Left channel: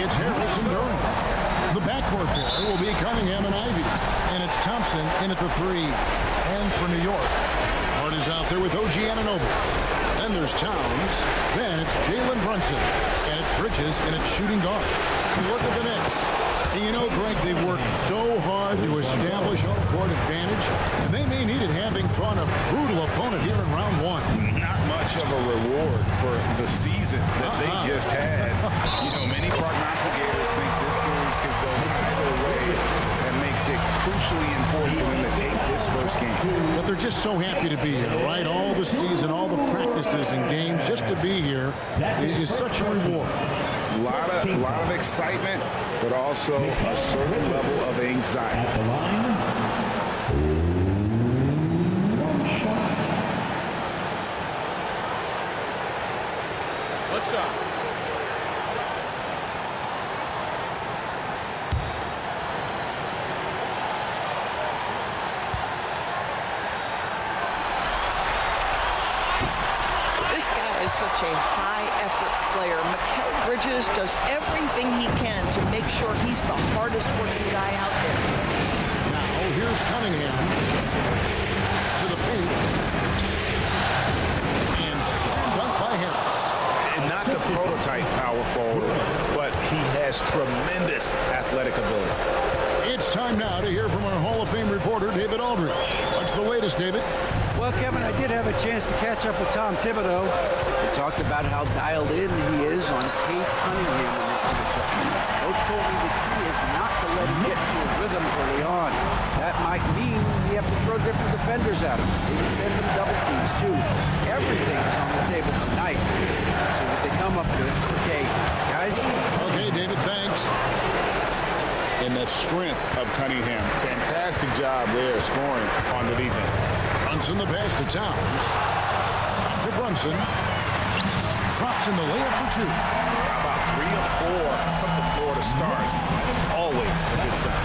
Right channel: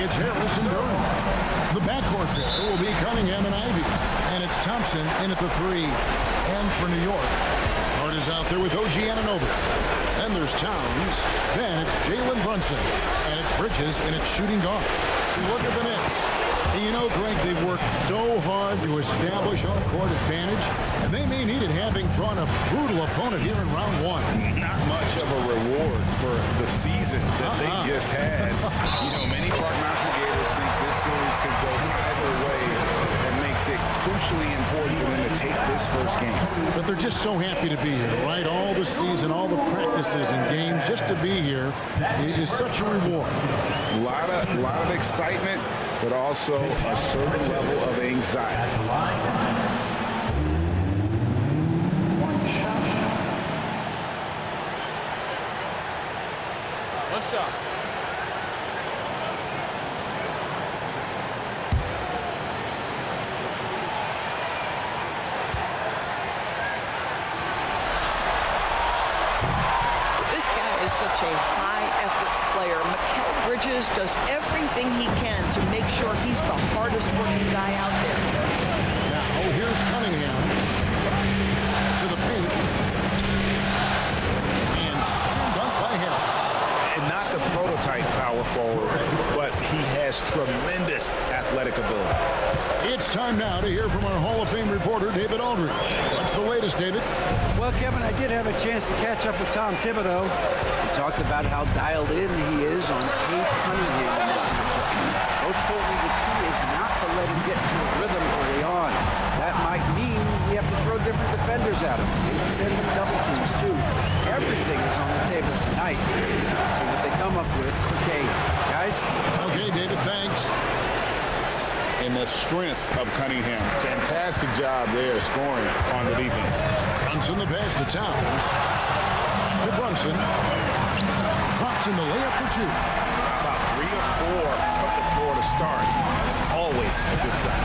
It's Harris and Durham. The backcourt pair will be Cunningham and Ivy. And it's Thompson in at the 3. And for New York, Hart is out there with OG Anunoby. Then there's Towns. Then it's Jalen Brunson. And it's Bridges in its shooting guard. Look at the Knicks. And you know, Greg, they've worked so hard to establish home court advantage, and they may need it having drawn a brutal opponent here in round 1. Not much of a reward for the season that they just had. You know, many prognosticators think this series could go either way. That makes it crucially important for them to take this first game. But they're just so happy to be here, right? All the season, all the practices and games, just to be here is such a reward. A lot of excitement, but also a certain level of anxiety. At the line, 1 shot. What's up? This guy is such a high-effort player. Mikal Bridges does everything he can to make sure he's the hardest-working guy out there. Now, here's Cunningham to the paint. And slam dunk by Harris. And not the prototype power forward, but he has tremendous athletic ability. It's time now to hear from our Hall of Fame reporter, David Aldridge. What's the latest, David? Well, Kevin, I did have a chance to catch up with Tom Thibodeau. We talked about how dialed in he is on Cade Cunningham in this matchup. Coach told me the key is not to let him get into a rhythm early on. That might mean we have to throw different defenders at him. Maybe send them double teams, too. Everything is on the table tonight. Let's see what they come up with for Cade. Guys? Okay, David, thanks. And the strength of Cunningham. Fantastic job there scoring on the defense. Brunson the pass to Towns. Back to Brunson. Drops in the layup for 2. How about 3 or 4 from the floor to start? That's always a good sign.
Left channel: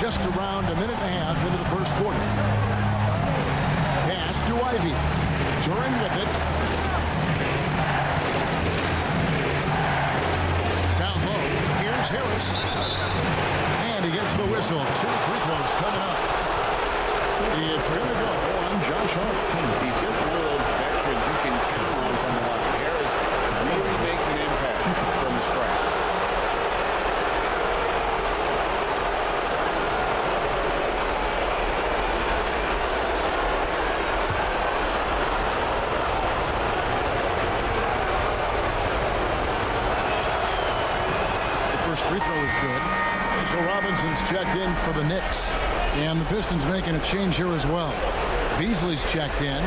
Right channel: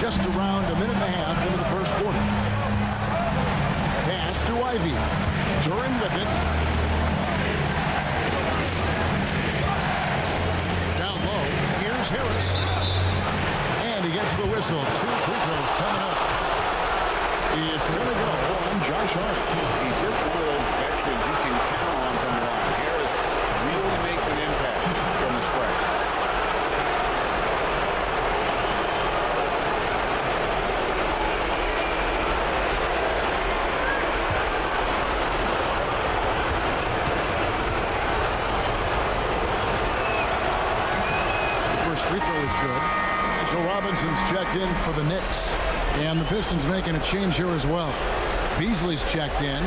Just around a minute and a half into the first quarter. Pass to Ivy. Duran with it. Down low. Here's Harris. And he gets the whistle. 2 free throws coming up. It's going to go on Josh Hart. He's just one of those veterans you can count on from the line. Harris really makes an impact from the stripe. The first free throw is good. Mitchell Robinson's checked in for the Knicks. And the Pistons making a change here as well. Beasley's checked in.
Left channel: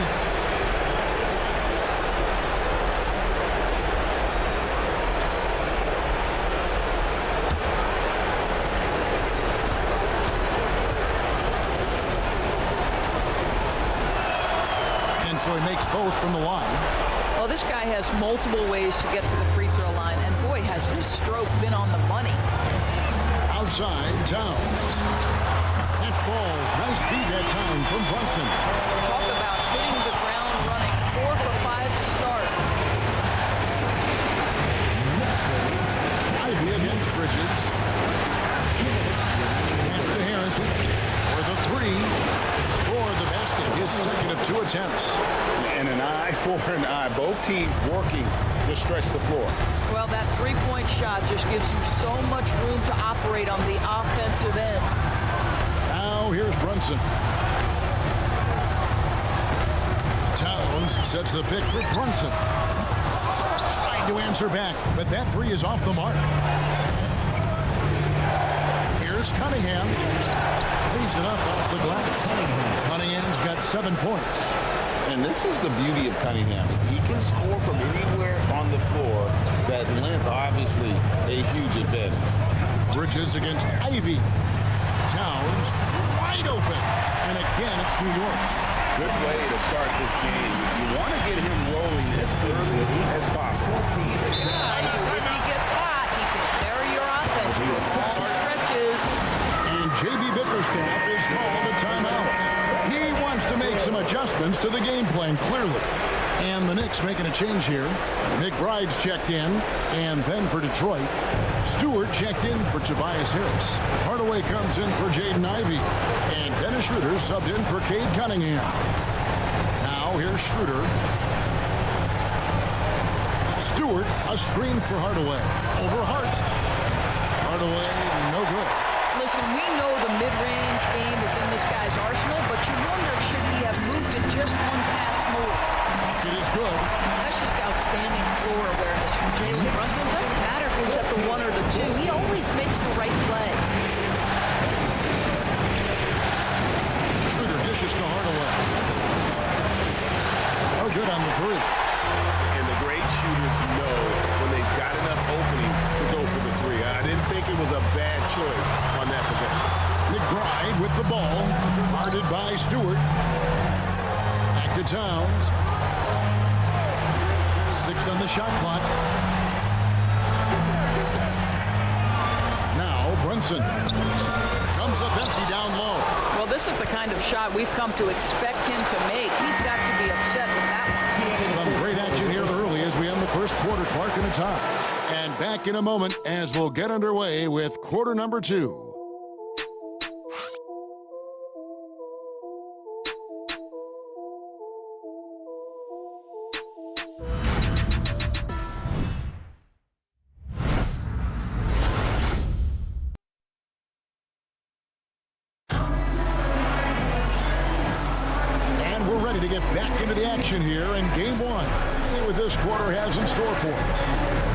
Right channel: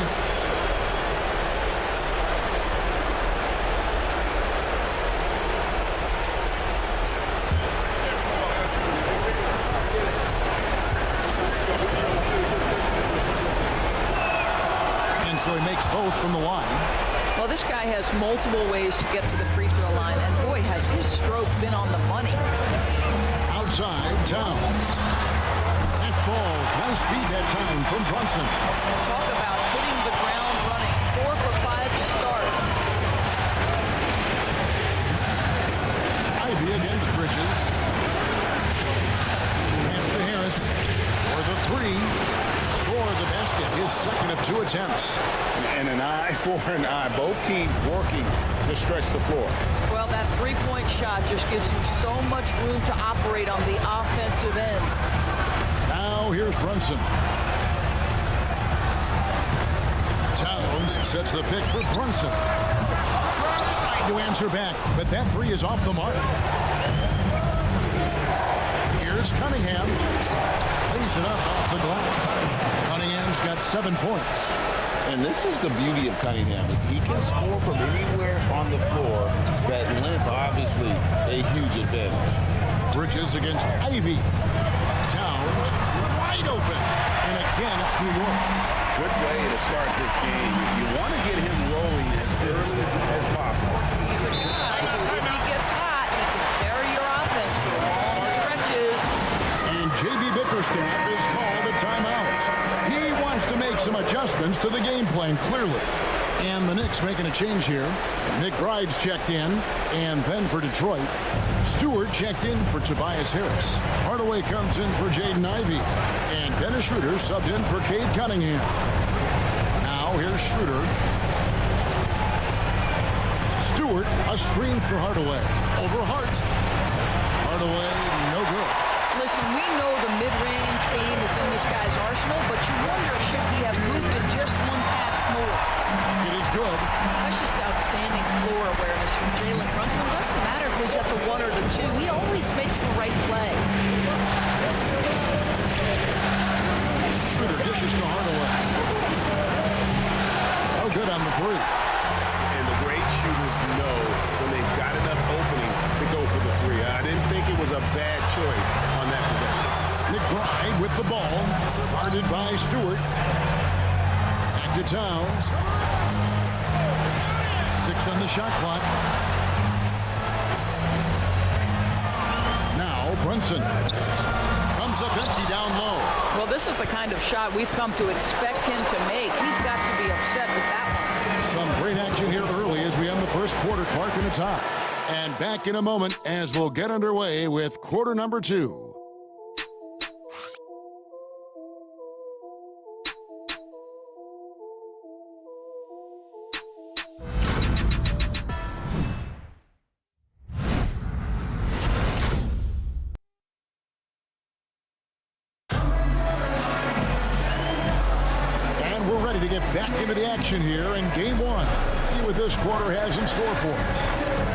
And so he makes both from the line. Well, this guy has multiple ways to get to the free throw line, and boy, has his stroke been on the money. Outside, Towns. That falls. Nice feed that time from Brunson. Talk about hitting the ground running. 4 for 5 to start. Ivy against Bridges. Pass to Harris for the 3. Score the basket. His second of 2 attempts. And an eye for an eye. Both teams working to stretch the floor. Well, that three-point shot just gives you so much room to operate on the offensive end. Now here's Brunson. Towns sets the pick for Brunson. Trying to answer back, but that 3 is off the mark. Here's Cunningham. Lays it up off the glass. Cunningham's got 7 points. And this is the beauty of Cunningham. He can score from anywhere on the floor. That length, obviously, a huge advantage. Bridges against Ivy. Towns wide open. And again, it's New York. Good way to start this game. You want to get him rolling as early as possible. He's a guy who, if he gets hot, he can carry your offense for long stretches. And J.B. Bickerstaff is called a timeout. He wants to make some adjustments to the game plan, clearly. And the Knicks making a change here. McBride's checked in. And then for Detroit, Stewart checked in for Tobias Harris. Hardaway comes in for Jaden Ivey. And Dennis Schroeder subbed in for Cade Cunningham. Now here's Schroeder. Stewart, a screen for Hardaway. Over Hart. Hardaway, no good. Listen, we know the mid-range game is in this guy's arsenal, but you wonder, should he have moved it just one pass more? It is good. That's just outstanding floor awareness from Jalen Brunson. It doesn't matter if he's at the 1 or the 2. He always makes the right play. Schroeder dishes to Hardaway. Oh, good on the 3. And the great shooters know when they've got enough opening to go for the 3. I didn't think it was a bad choice on that possession. McBride with the ball. Guarded by Stewart. Back to Towns. 6 on the shot clock. Now Brunson. Comes up empty down low. Well, this is the kind of shot we've come to expect him to make. He's got to be upset with that one. Some great action here early as we end the first quarter. Clark in a tie. And back in a moment as we'll get underway with quarter number 2. We're ready to get back into the action here in game 1. Let's see what this quarter has in store for us.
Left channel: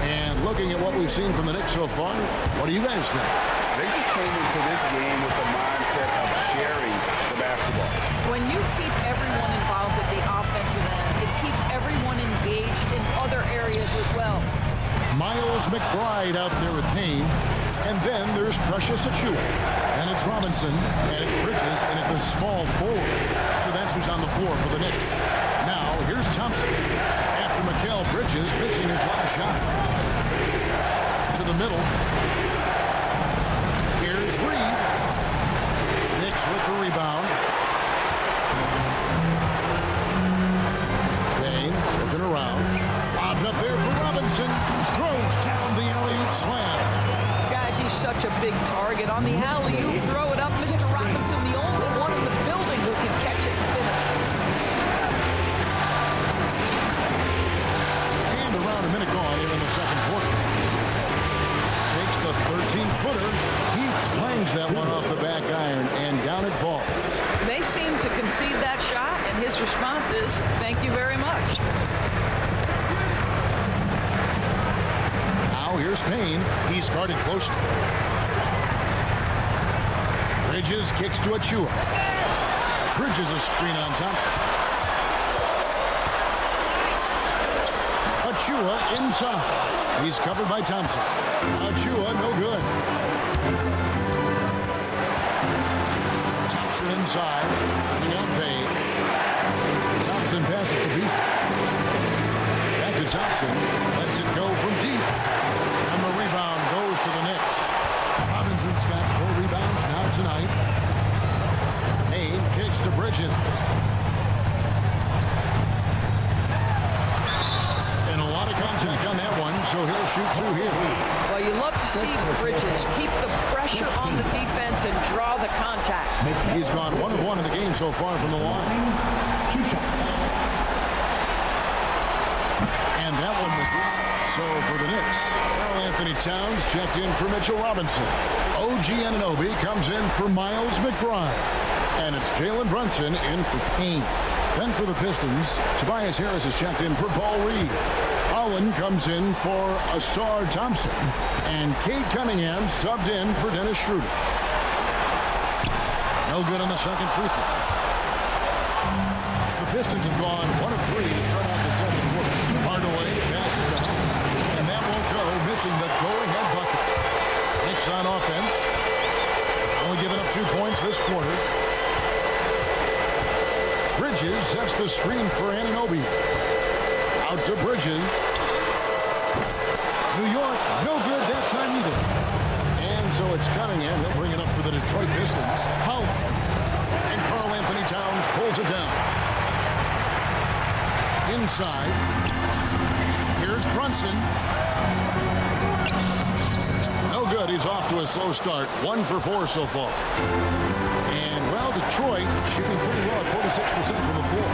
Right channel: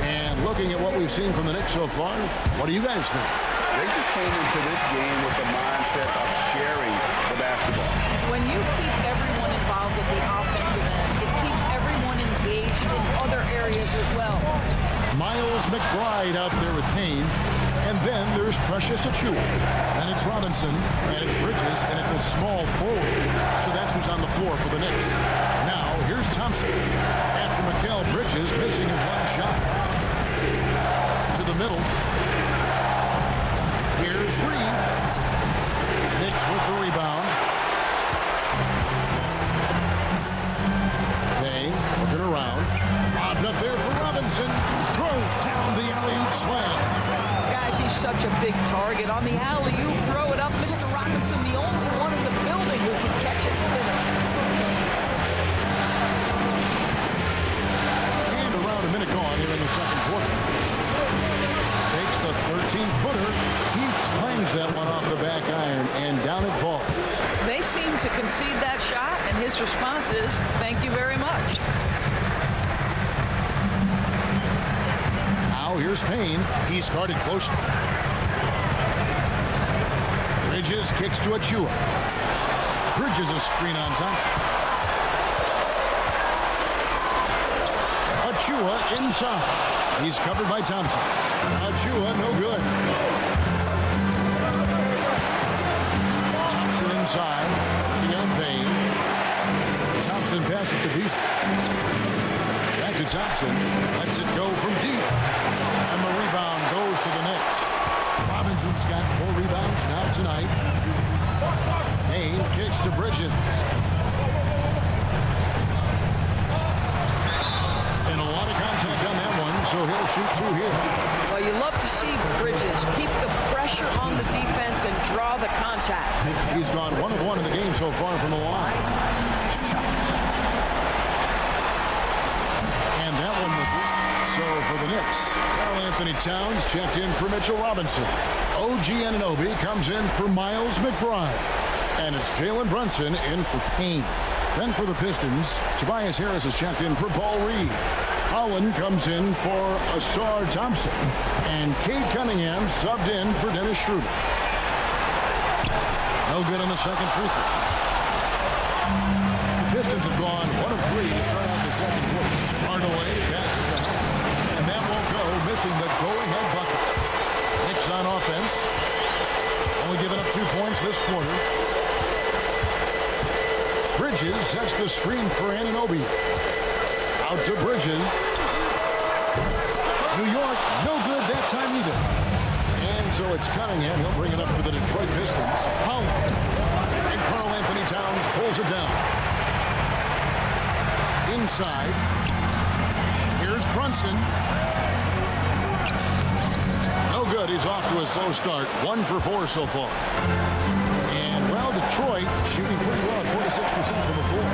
And looking at what we've seen from the Knicks so far, what do you guys think? They just came into this game with the mindset of sharing the basketball. When you keep everyone involved at the offensive end, it keeps everyone engaged in other areas as well. Miles McBride out there with Payne. And then there's Precious Achiuwa. And it's Robinson, and it's Bridges, and it's the small forward. So that's who's on the floor for the Knicks. Now, here's Thompson. After Mikal Bridges missing his last shot. To the middle. Here's Reed. Knicks with the rebound. Payne looking around. Lobbed up there for Robinson. Throws down the alley-oop slam. Guys, he's such a big target. On the alley-oop, throw it up. Mr. Robinson, the only one in the building who can catch it and finish. And around a minute gone here in the second quarter. Takes the 13-footer. He clangs that one off the back iron, and down it falls. They seem to concede that shot, and his response is, thank you very much. Now here's Payne. He's guarded closely. Bridges kicks to Achiuwa. Bridges a screen on Thompson. Achiuwa inside. He's covered by Thompson. Achiuwa no good. Thompson inside. Working on Payne. Thompson passes to Beasley. Back to Thompson. Lets it go from deep. And the rebound goes to the Knicks. Robinson's got 4 rebounds now tonight. Payne kicks to Bridges. And a lot of contact on that one, so he'll shoot 2 here. Well, you love to see Bridges keep the pressure on the defense and draw the contact. He's gone 1 of 1 in the game so far from the line. 2 shots. And that one misses. So for the Knicks, Karl Anthony Towns checked in for Mitchell Robinson. OG Anunoby comes in for Miles McBride. And it's Jalen Brunson in for Payne. Then for the Pistons, Tobias Harris is checked in for Paul Reed. Holland comes in for Asar Thompson. And Cade Cunningham subbed in for Dennis Schroeder. No good on the second free throw. The Pistons have gone 1 of 3 to start out the second quarter. Hardaway passes to Holland. And that won't go, missing the go-ahead bucket. Knicks on offense. Only giving up 2 points this quarter. Bridges sets the screen for Anunoby. Out to Bridges. New York, no good that time either. And so it's Cunningham. He'll bring it up for the Detroit Pistons. Holland. And Karl Anthony Towns pulls it down. Inside. Here's Brunson. good. He's off to a slow start. 1 for 4 so far. And, well, Detroit shooting pretty well at 46% from the floor.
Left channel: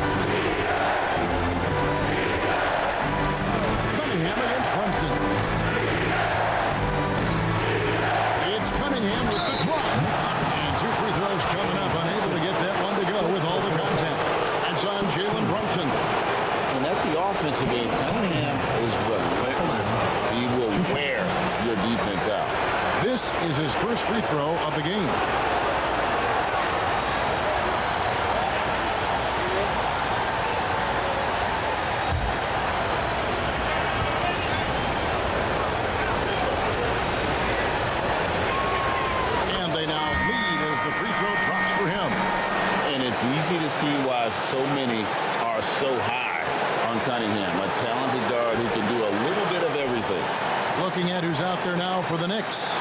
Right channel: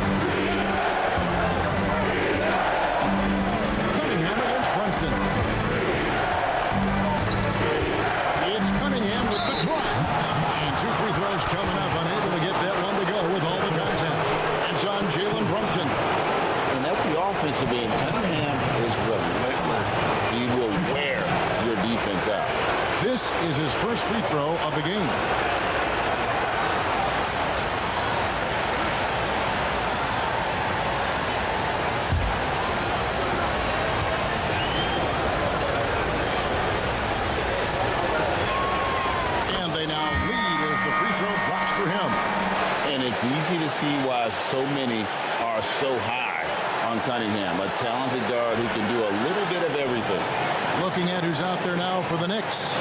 Cunningham against Brunson. It's Cunningham with the drive. And 2 free throws coming up. Unable to get that one to go with all the contact. It's on Jalen Brunson. And at the offensive end, Cunningham is relentless. He will wear your defense out. This is his first free throw of the game. And they now lead as the free throw drops for him. And it's easy to see why so many are so high on Cunningham, a talented guard who can do a little bit of everything. Looking at who's out there now for the Knicks.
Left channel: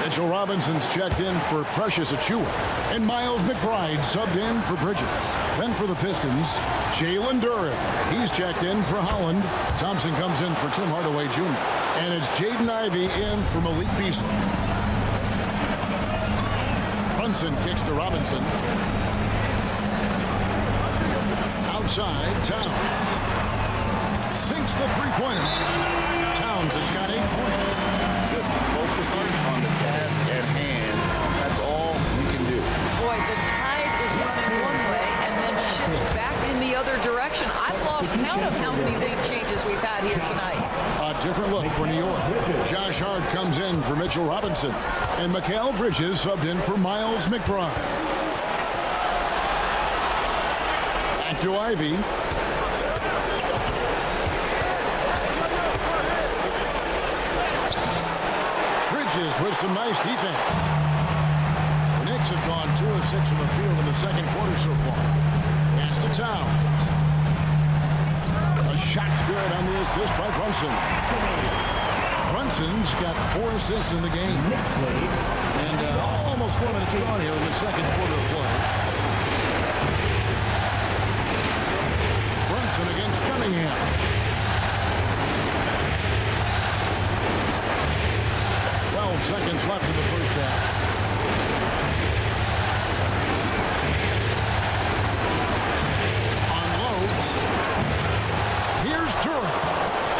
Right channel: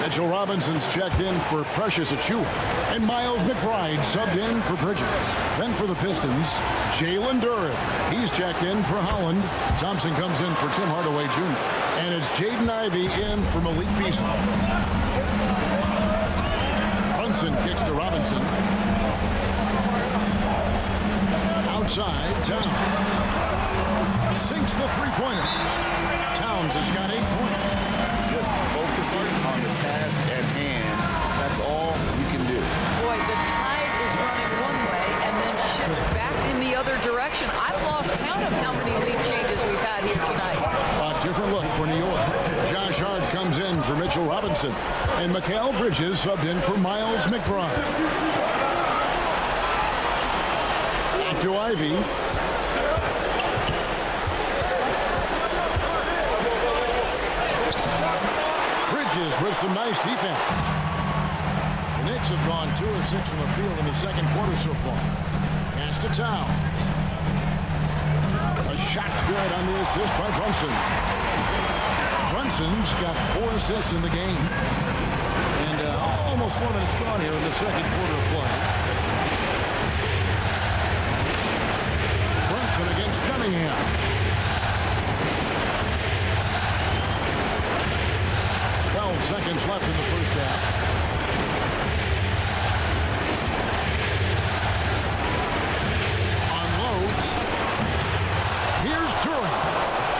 Mitchell Robinson's checked in for Precious Achiuwa. And Miles McBride subbed in for Bridges. Then for the Pistons, Jalen Duren. He's checked in for Holland. Thompson comes in for Tim Hardaway Jr. And it's Jaden Ivey in for Malik Beasley. Brunson kicks to Robinson. Outside, Towns. Sinks the three-pointer. Towns has got 8 points. Just focusing on the task at hand. That's all you can do. Boy, the tide is running one way and then shifts back in the other direction. I've lost count of how many lead changes we've had here tonight. A different look for New York. Josh Hart comes in for Mitchell Robinson. And Mikal Bridges subbed in for Miles McBride. Back to Ivey. Bridges with some nice defense. The Knicks have gone 2 of 6 from the field in the second quarter so far. Pass to Towns. A shot's good on the assist by Brunson. Brunson's got 4 assists in the game. And almost 4 minutes gone here in the second quarter of play. Brunson against Cunningham. 12 seconds left in the first half. Unloads. Here's Duren.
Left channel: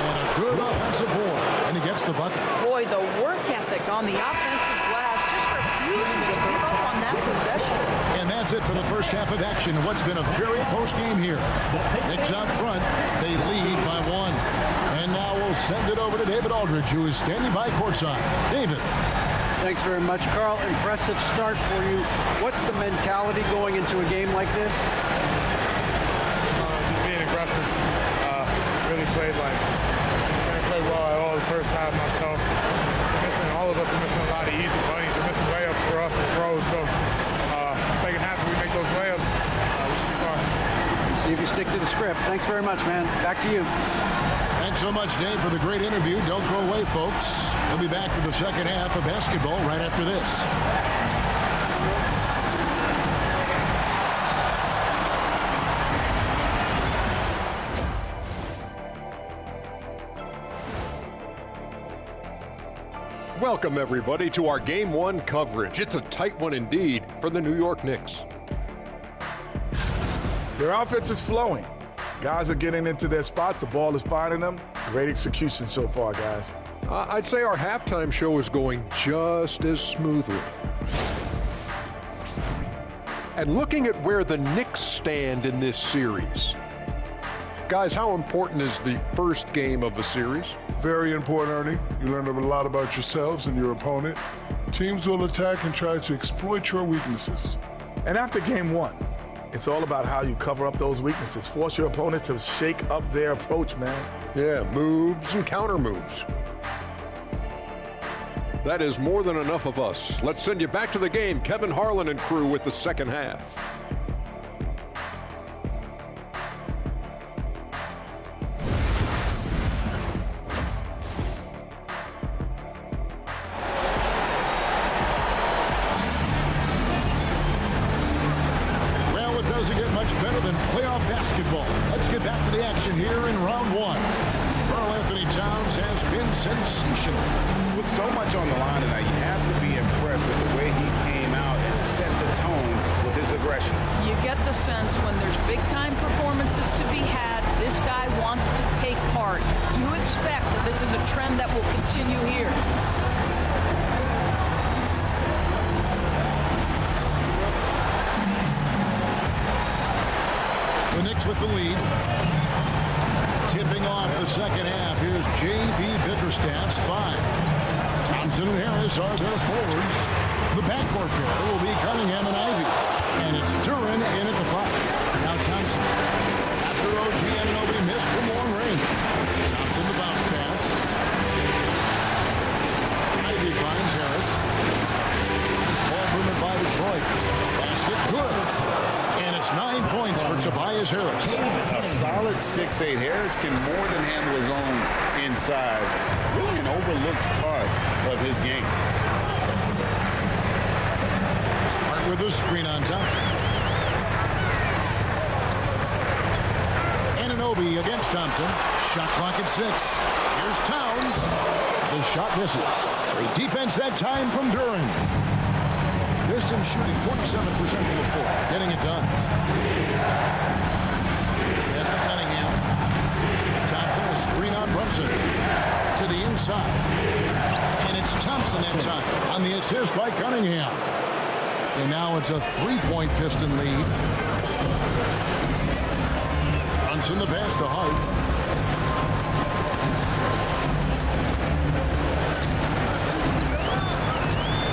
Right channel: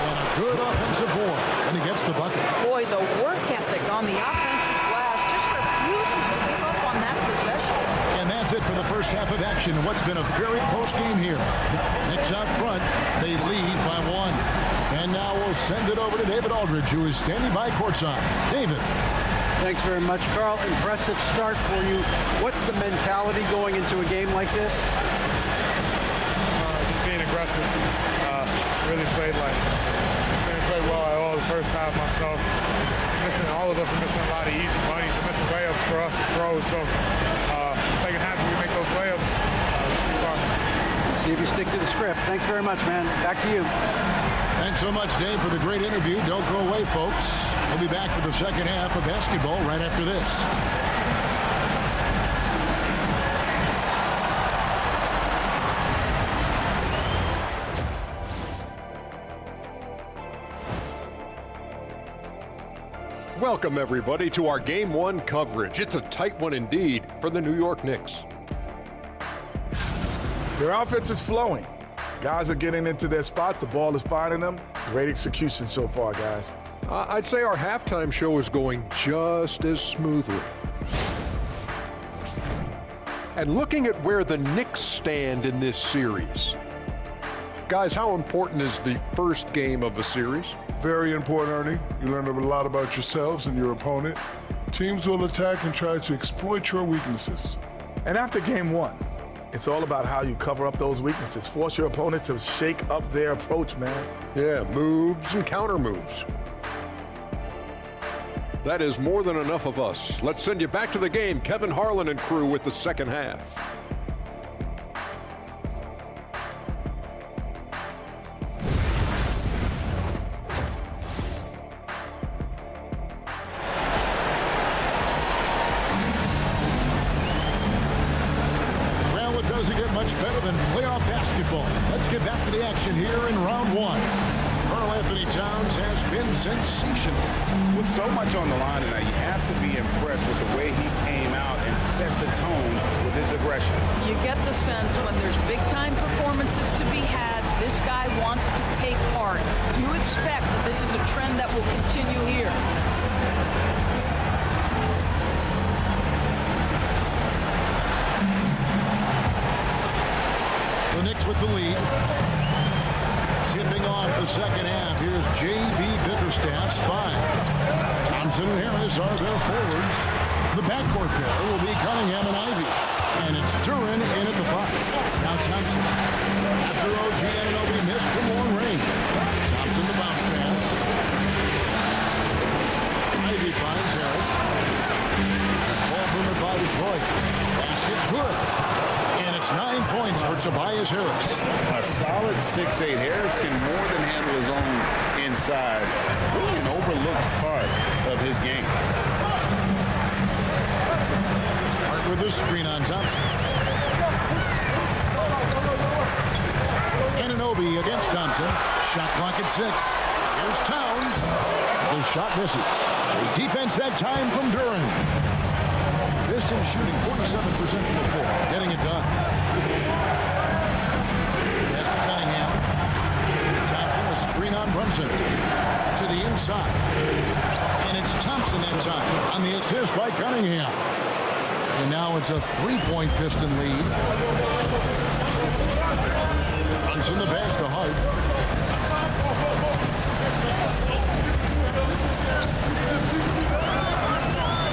And a good offensive board. And he gets the bucket. Boy, the work ethic on the offensive glass just refuses to give up on that possession. And that's it for the first half of action. What's been a very close game here. Knicks out front. They lead by 1. And now we'll send it over to David Aldridge, who is standing by courtside. David. Thanks very much, Carl. Impressive start for you. What's the mentality going into a game like this? Just being aggressive. Really played well at all the first half myself. All of us are missing a lot of easy bunnies. We're missing layups for us as pros. So second half, if we make those layups, we should be fine. We'll see if you stick to the script. Thanks very much, man. Back to you. Thanks so much, Dave, for the great interview. Don't go away, folks. We'll be back for the second half of basketball right after this. Welcome, everybody, to our Game 1 coverage. It's a tight one indeed for the New York Knicks. Their offense is flowing. Guys are getting into their spot. The ball is finding them. Great execution so far, guys. I'd say our halftime show is going just as smoothly. And looking at where the Knicks stand in this series. Guys, how important is the first game of the series? Very important, Ernie. You learn a lot about yourselves and your opponent. Teams will attack and try to exploit your weaknesses. And after game 1, it's all about how you cover up those weaknesses. Force your opponent to shake up their approach, man. Yeah, moves and counter moves. That is more than enough of us. Let's send you back to the game. Kevin Harlan and crew with the second half. Well, it doesn't get much better than playoff basketball. Let's get back to the action here in round 1. Karl-Anthony Towns has been sensational. With so much on the line tonight, you have to be impressed with the way he came out and set the tone with his aggression. You get the sense when there's big-time performances to be had, this guy wants to take part. You expect that this is a trend that will continue here. The Knicks with the lead. Tipping off the second half, here's J.B. Bickerstaff's 5. Thompson and Harris are their forwards. The backcourt pair will be Cunningham and Ivy. And it's Duren in at the 5. Now Thompson. After OG Anunoby missed from long range. Thompson the bounce pass. Ivy finds Harris. Nice ball movement by Detroit. Basket good. And it's 9 points for Tobias Harris. A solid 6'8". Harris can more than handle his own inside. Really an overlooked part of his game. Hart with a screen on Thompson. Anunoby against Thompson. Shot clock at 6. Here's Towns. The shot misses. Great defense that time from Duren. Pistons shooting 47% from the floor, getting it done. Pass to Cunningham. Thompson, a screen on Brunson. To the inside. And it's Thompson that time on the assist by Cunningham. And now it's a 3-point Piston lead. Brunson the pass to Hart.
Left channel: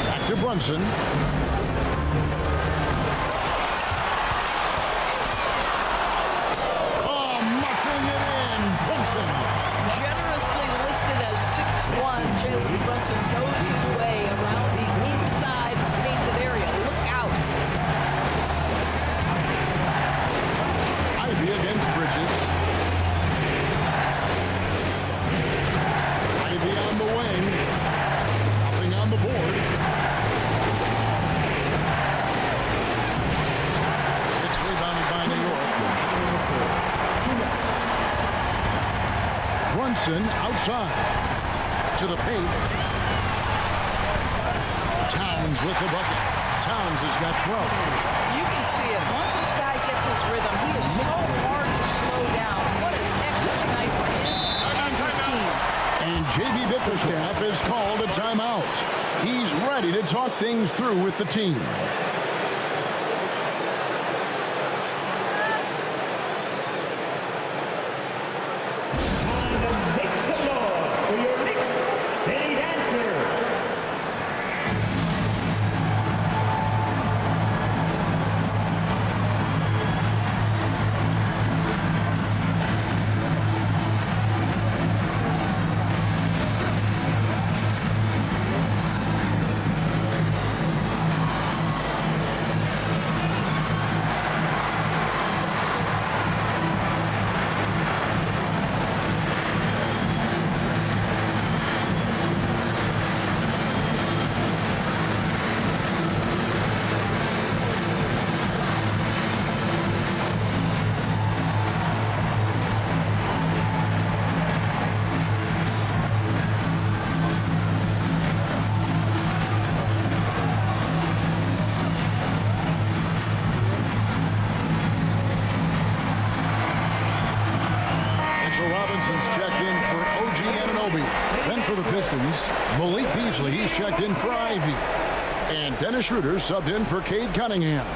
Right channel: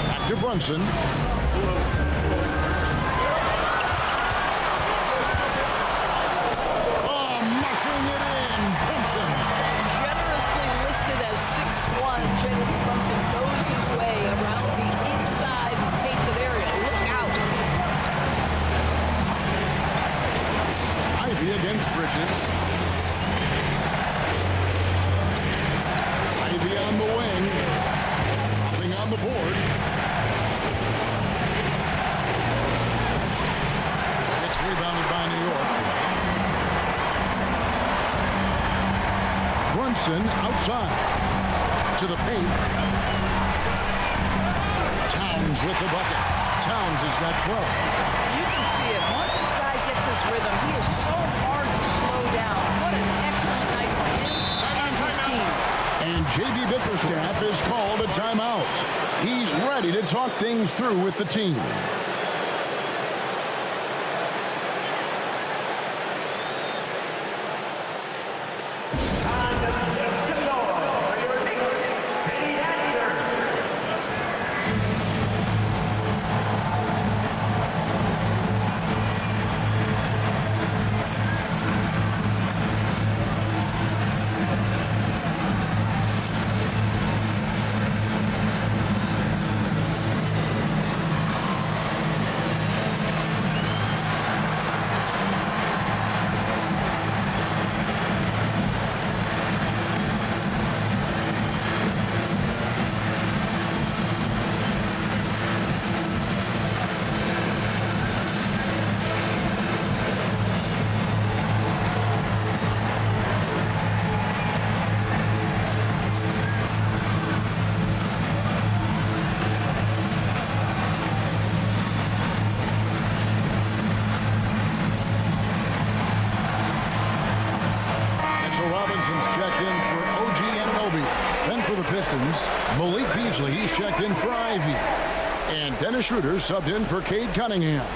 Back to Brunson. Generously listed as 6'1", Jalen Brunson goes his way around the inside painted area. Look out. Ivy against Bridges. Ivy on the wing. Nothing on the board. It's rebounded by New York. Brunson outside to the paint. Towns with the bucket. Towns has got 12. You can see it. Once this guy gets his rhythm, he is so hard to slow down. What an excellent night for him and his team. And J.B. Bickerstaff has called a timeout. He's ready to talk things through with the team. Robinson's checked in for OG Anunoby. Then for the Pistons, Malik Beasley, he's checked in for Ivy. And Dennis Schroeder subbed in for Cade Cunningham.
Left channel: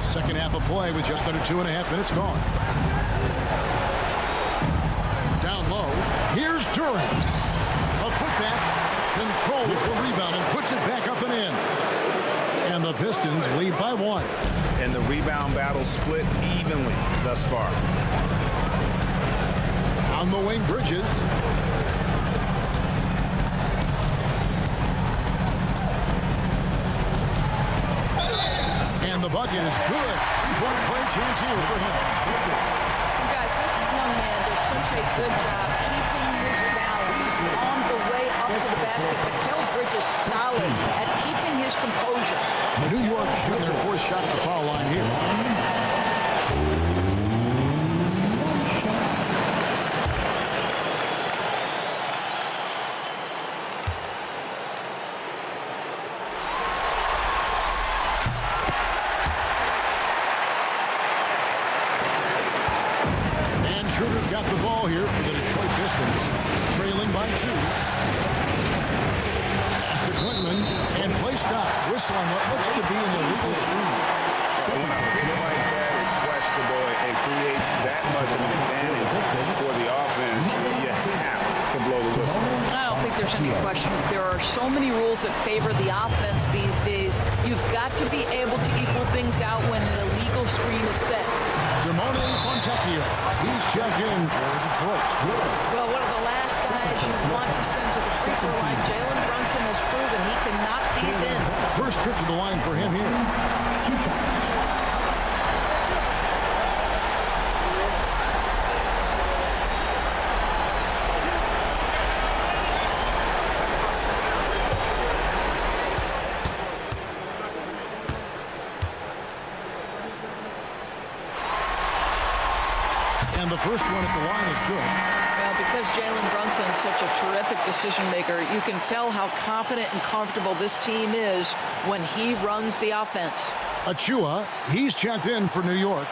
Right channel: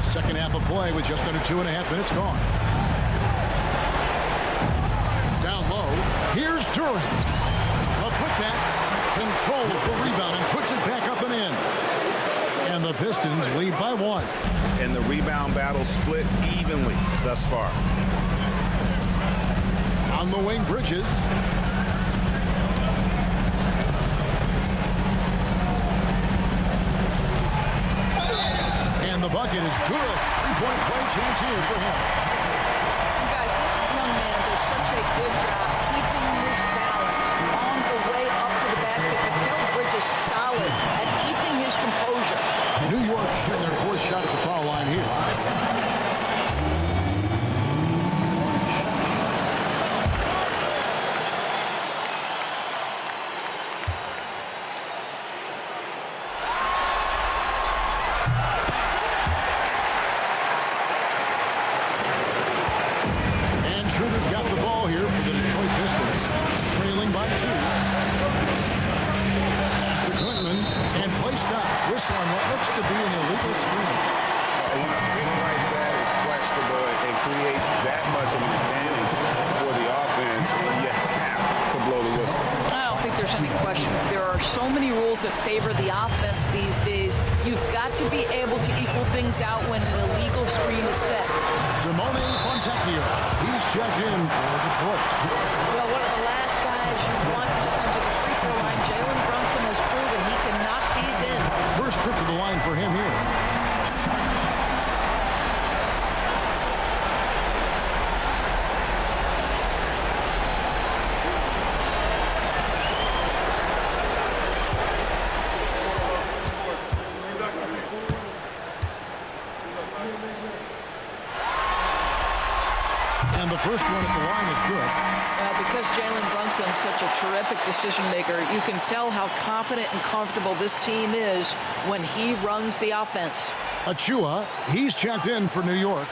Second half of play with just under 2.5 minutes gone. Down low. Here's Duren. A putback. Controls the rebound and puts it back up and in. And the Pistons lead by 1. And the rebound battle split evenly thus far. On the wing, Bridges. And the bucket is good. 3-point play chance here for him. Guys, this young man does such a good job keeping his balance on the way up to the basket. Mikal Bridges solid at keeping his composure. New York shooting their fourth shot at the foul line here. And Schroeder's got the ball here for the Detroit Pistons, trailing by 2. Pass to Clinton, and play stops. Whistle on what looks to be an illegal screen. When a pick like that is questionable and creates that much of an advantage for the offense, you have to blow the whistle. I don't think there's any question. There are so many rules that favor the offense these days. You've got to be able to equal things out when an illegal screen is set. Simone Fontecchio, he's checked in for Detroit. Well, one of the last guys you want to send to the free throw line, Jalen Brunson has proven he can knock these in. First trip to the line for him here. 2 shots. And the first one at the line is good. Well, because Jalen Brunson's such a terrific decision maker, you can tell how confident and comfortable this team is when he runs the offense. Achua, he's checked in for New York.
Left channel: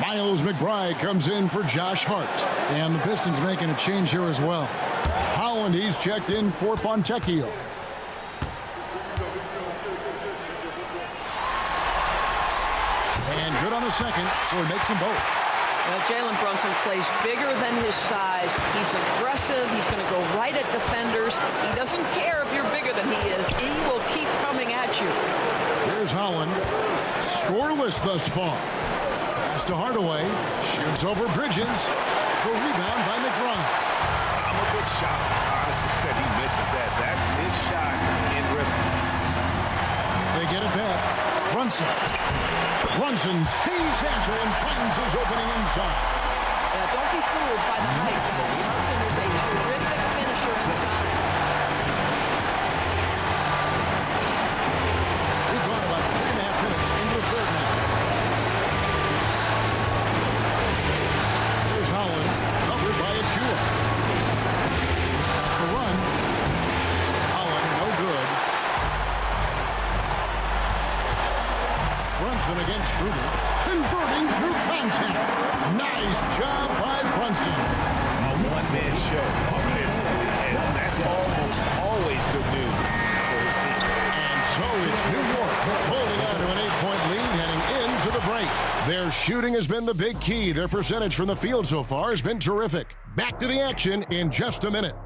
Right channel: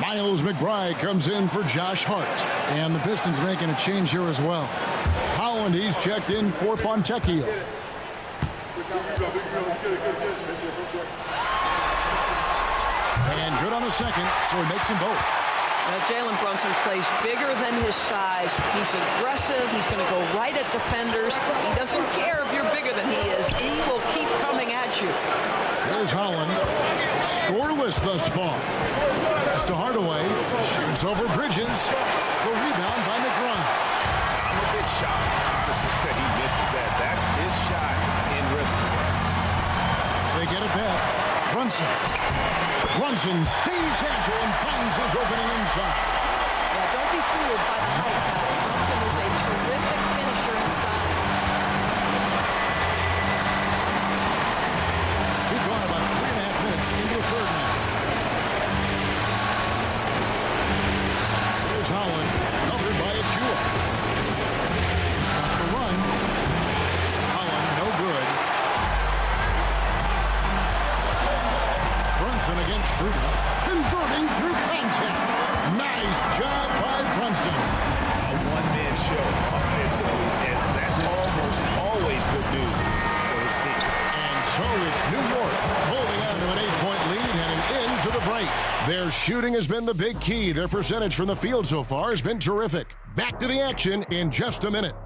Miles McBride comes in for Josh Hart. And the Pistons making a change here as well. Holland, he's checked in for Fontecchio. And good on the second, so he makes them both. Well, Jalen Brunson plays bigger than his size. He's aggressive. He's going to go right at defenders. He doesn't care if you're bigger than he is. He will keep coming at you. Here's Holland. Scoreless thus far. Pass to Hardaway. Shoots over Bridges. The rebound by McBride. I'm a bit shocked, honestly, that he misses that. That's his shot in rhythm. They get it back. Brunson stays agile and finds his opening inside. Yeah, don't be fooled by the height, guys. Brunson is a terrific finisher inside. We've gone about 3.5 minutes into the third now. There's Holland, covered by Achua. Stop the run. Holland, no good. Brunson against Schroeder, converting through contact. Nice job by Brunson. A one-man show offensively, and that's almost always good news for his team. And so it's New York holding on to an 8-point lead heading into the break. Their shooting has been the big key. Their percentage from the field so far has been terrific. Back to the action in just a minute.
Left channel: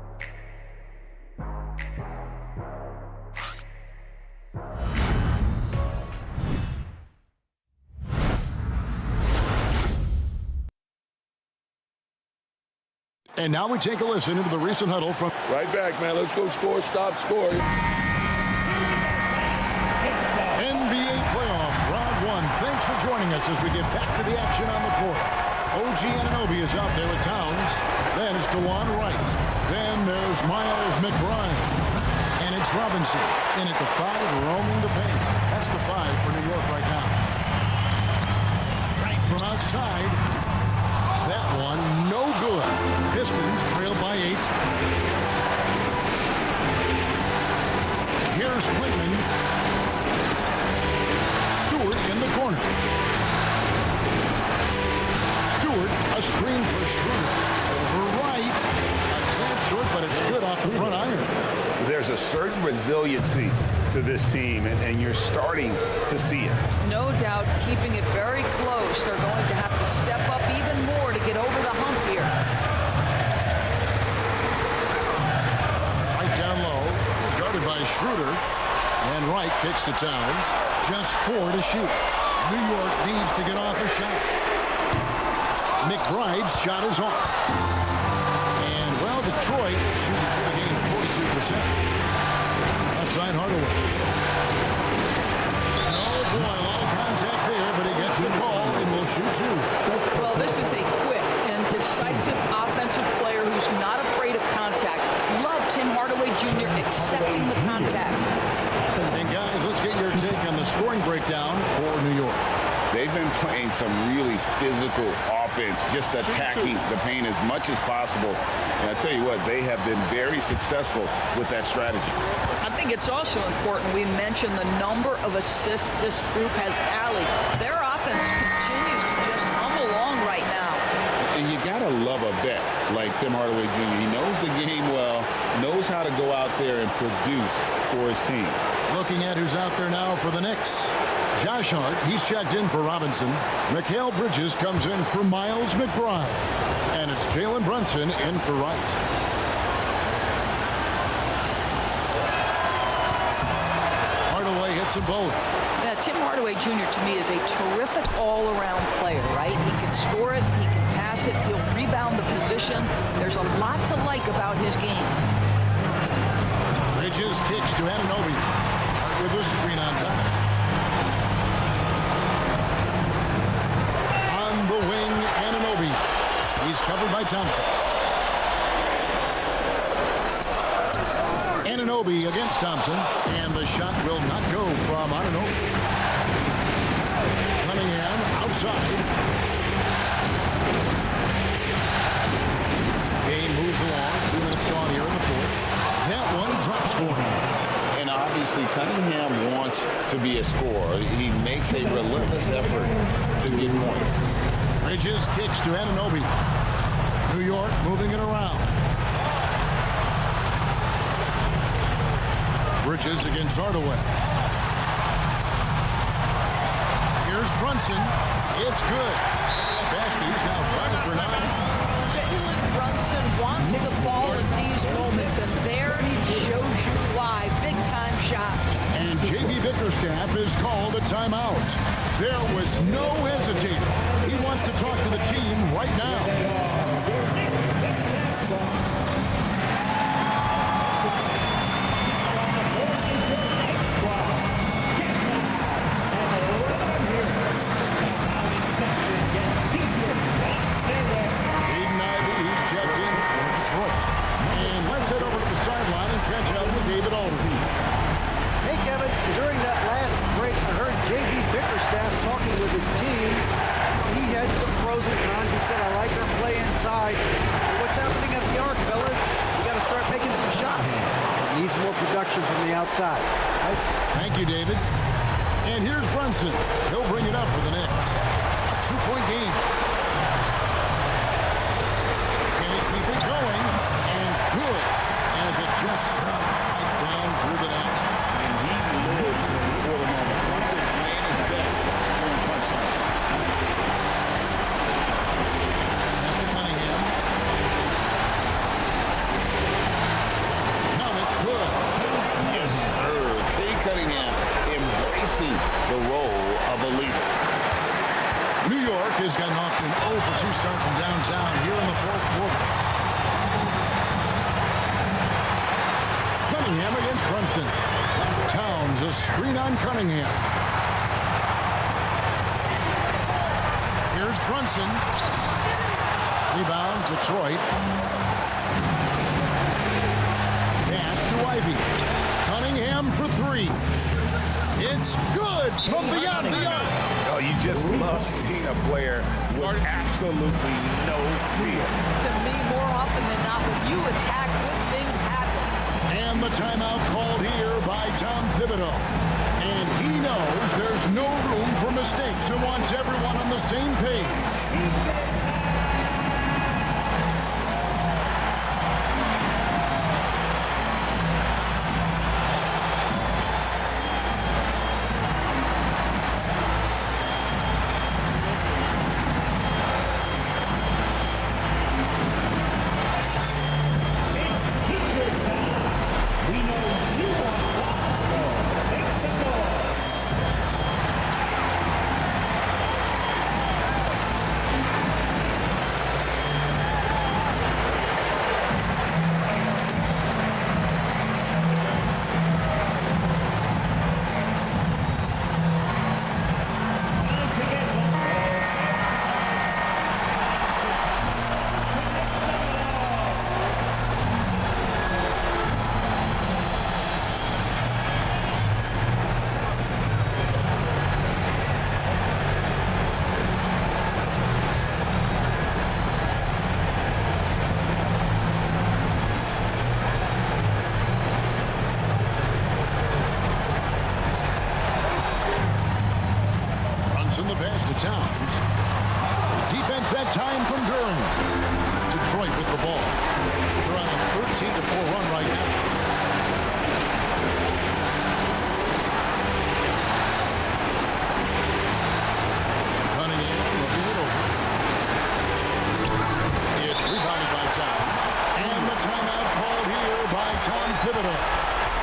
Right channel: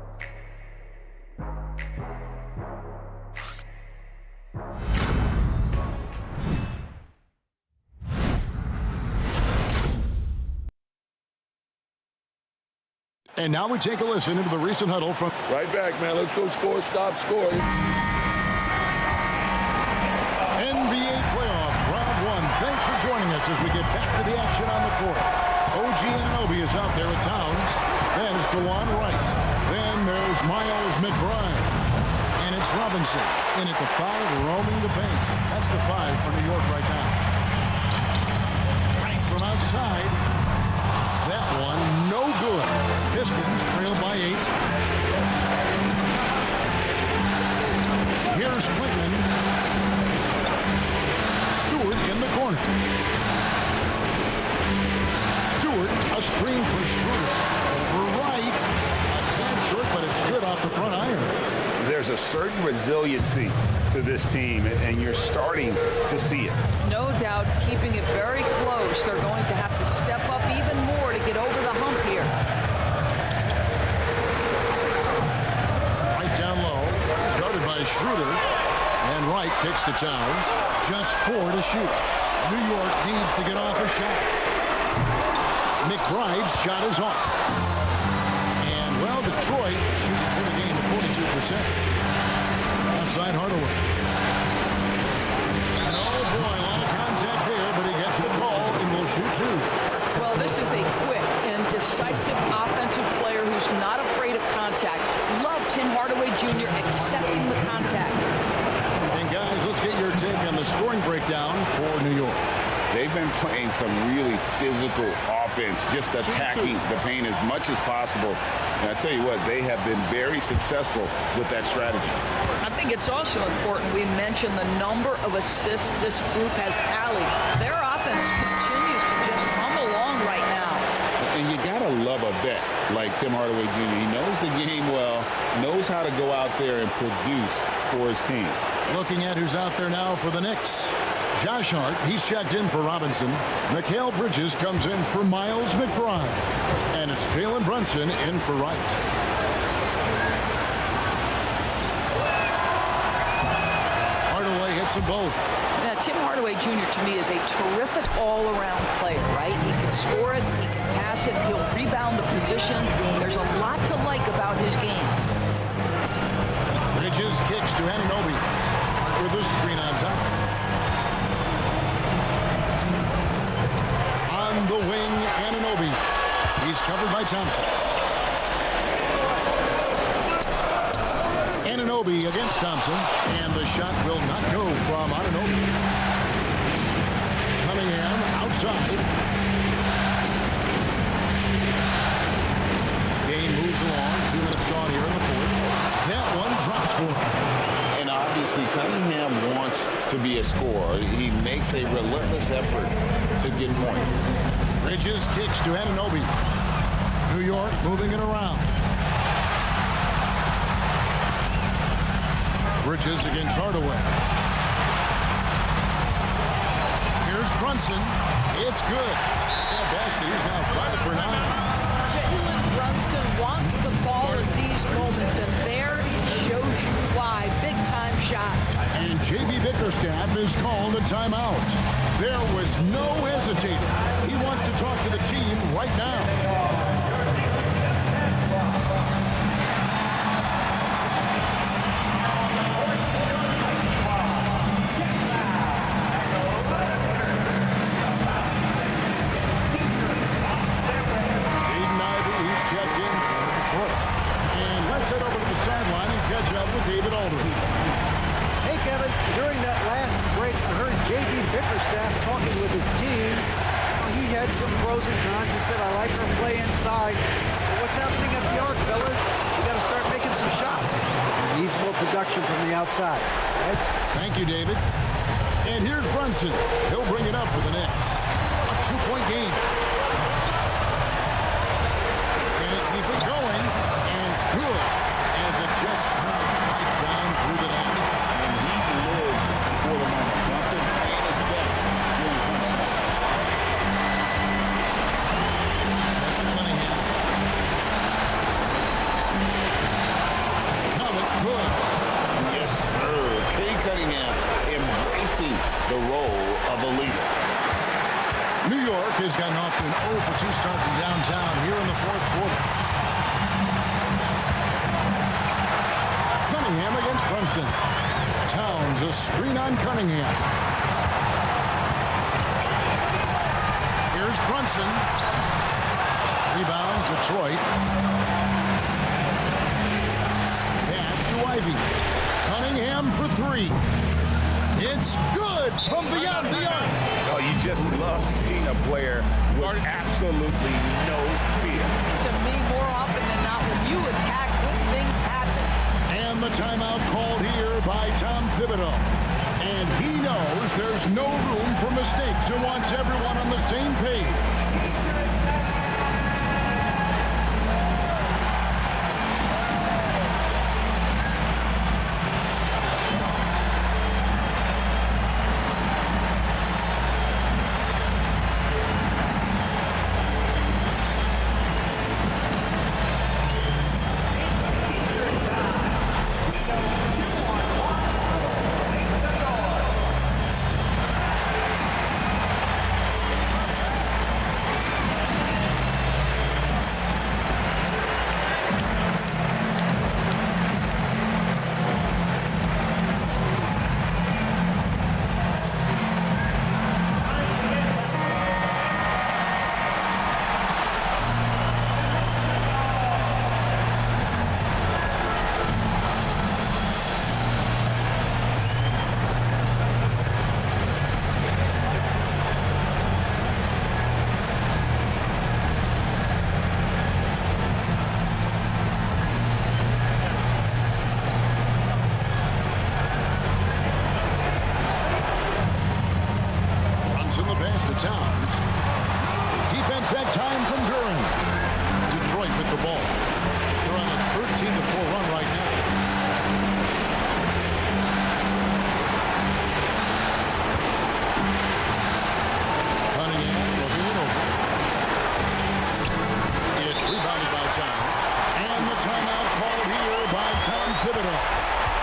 And now we take a listen into the recent huddle from... Right back, man. Let's go score, stop scoring. NBA playoff round 1. Thanks for joining us as we get back to the action on the court. OG Anunoby is out there with Towns. Then it's DeJuan Wright. Then there's Miles McBride. And it's Robinson in at the 5, roaming the paint. That's the 5 for New York right now. Right from outside. That one, no good. Pistons trail by 8. Here's Clinton. Stewart in the corner. Stewart, a screen for Schroeder. Over Wright. A tad short, but it's good off the front iron. There's a certain resiliency to this team, and you're starting to see it. No doubt, keeping it very close. They're going to have to step up even more to get over the hump here. Right down low. He's guarded by Schroeder. And Wright kicks to Towns. Just 4 to shoot. New York needs to get off a shot. McBride's shot is off. And, well, Detroit shooting for the game at 42%. Outside Hardaway. And oh boy, a lot of contact there, but he gets the call and will shoot 2. Well, this is a quick and decisive offensive player who's not afraid of contact. Love Tim Hardaway Jr. accepting the contact. And guys, let's get your take on the scoring breakdown for New York. They've been playing some really physical offense, just attacking the paint as much as possible. And I tell you what, they have been very successful with that strategy. I think it's also important we mention the number of assists this group has tallied. Their offense continues to just hum along right now. And you got to love a vet like Tim Hardaway Jr. He knows the game well, knows how to go out there and produce for his team. Looking at who's out there now for the Knicks. Josh Hart, he's checked in for Robinson. Mikal Bridges comes in for Miles McBride. And it's Jalen Brunson in for Wright. Hardaway hits them both. Yeah, Tim Hardaway Jr. to me is a terrific all-around player, right? He can score it, he can pass it, he'll rebound the position. There's a lot to like about his game. Bridges kicks to Anunoby. Hart with a screen on Thompson. On the wing, Anunoby. He's covered by Thompson. Anunoby against Thompson, and the shot will not go from Anunoby. Cunningham outside. Game moves along. 2 minutes gone here in the fourth. That one drops for him. And obviously, Cunningham wants to be a scorer. He makes a relentless effort to get points. Bridges kicks to Anunoby. New York moving it around. Bridges against Hardaway. Here's Brunson. It's good. That basket, he's now 5 for 9. Jalen Brunson wants the ball in these moments, and there he shows you why. Big-time shot. And J.B. Bickerstaff is called a timeout. There was no hesitating. He wants to talk to the team right now. Checked in for Detroit. And let's head over to the sideline and catch up with David Aldridge. Hey, Kevin, during that last break, I heard J.B. Bickerstaff talking with his team. He had some pros and cons. He said, I like our play inside. But what's happening at the arc, fellas? We got to start making some shots. He needs more production from the outside. Guys? Thank you, David. And here's Brunson. He'll bring it up for the Knicks. A 2-point game. Can he keep it going? And good, as it just snugs right down through the net. And he lives for the moment. Brunson playing his best during crunch time. Pass to Cunningham. Count it, good. Yes, sir. Kay Cunningham embracing the role of a leader. New York has gotten off to an 0 for 2 start from downtown here in the fourth quarter. Cunningham against Brunson. Towns a screen on Cunningham. Here's Brunson. Rebound, Detroit. Pass to Ivy. Cunningham for 3. It's good from beyond the arc. Oh, you just love seeing a player with absolutely no fear. To me, more often than not, when you attack, good things happen. And the timeout called here by Tom Thibodeau. And he knows there's no room for mistakes and wants everyone on the same page. to Towns. A defense that time from Duran. Detroit with the ball. They're on a 13-4 run right now. Cunningham looking it over. It's rebounded by Towns. And the timeout called here by Tom Thibodeau.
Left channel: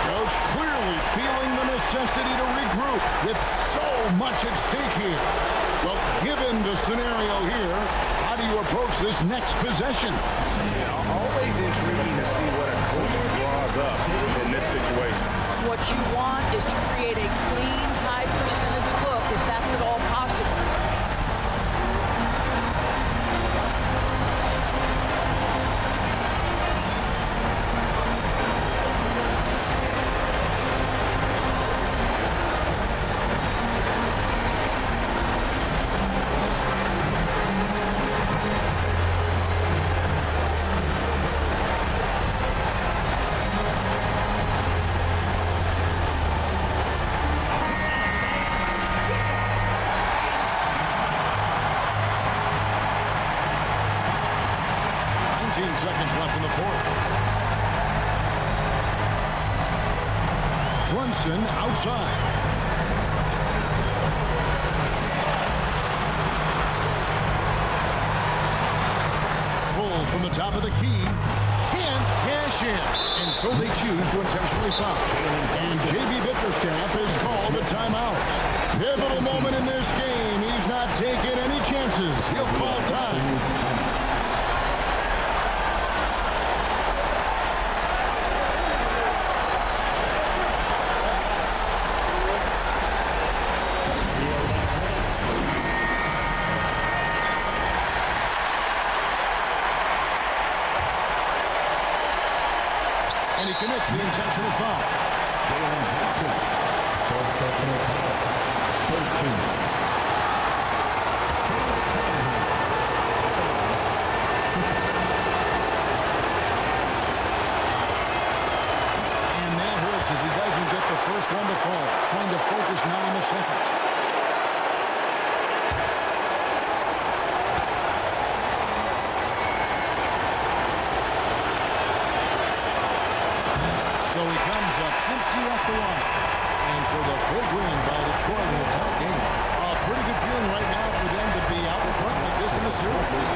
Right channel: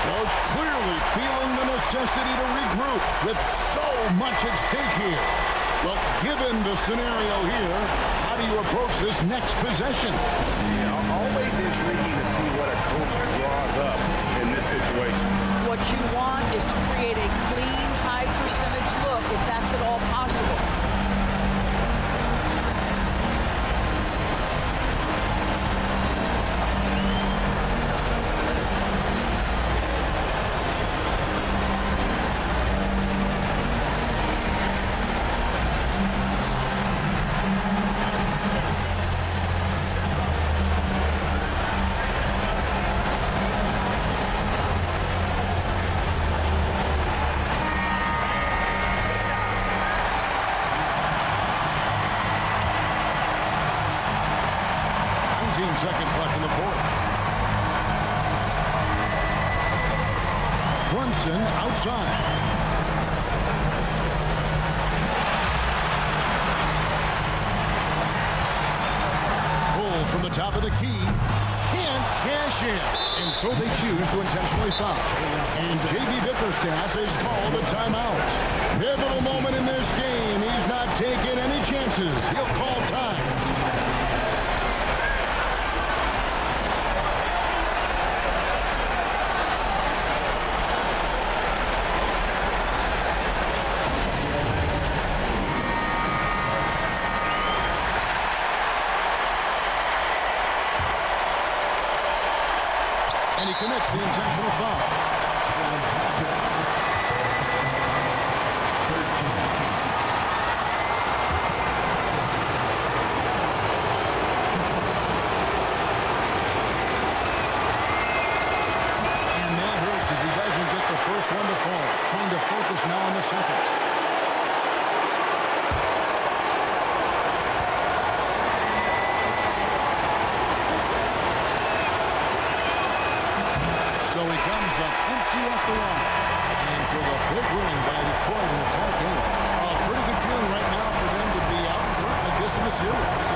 Coach clearly feeling the necessity to regroup with so much at stake here. Well, given the scenario here, how do you approach this next possession? Yeah, always intriguing to see what a coach draws up in this situation. What you want is to create a clean, high-percentage look, if that's at all possible. Seconds left in the fourth. Brunson outside. Bull from the top of the key. Can't cash in. And so they choose to intentionally foul. And J.B. Bickerstaff is called a timeout. Pivotal moment in this game. He's not taking any chances. He'll call time. And he commits the intentional foul. And that hurts as he doesn't get the first one to fall. Trying to focus now on the second. So he comes up empty at the line. And so the big win by Detroit in a tight game. A pretty good feeling right now for them to be out in front like this in the series.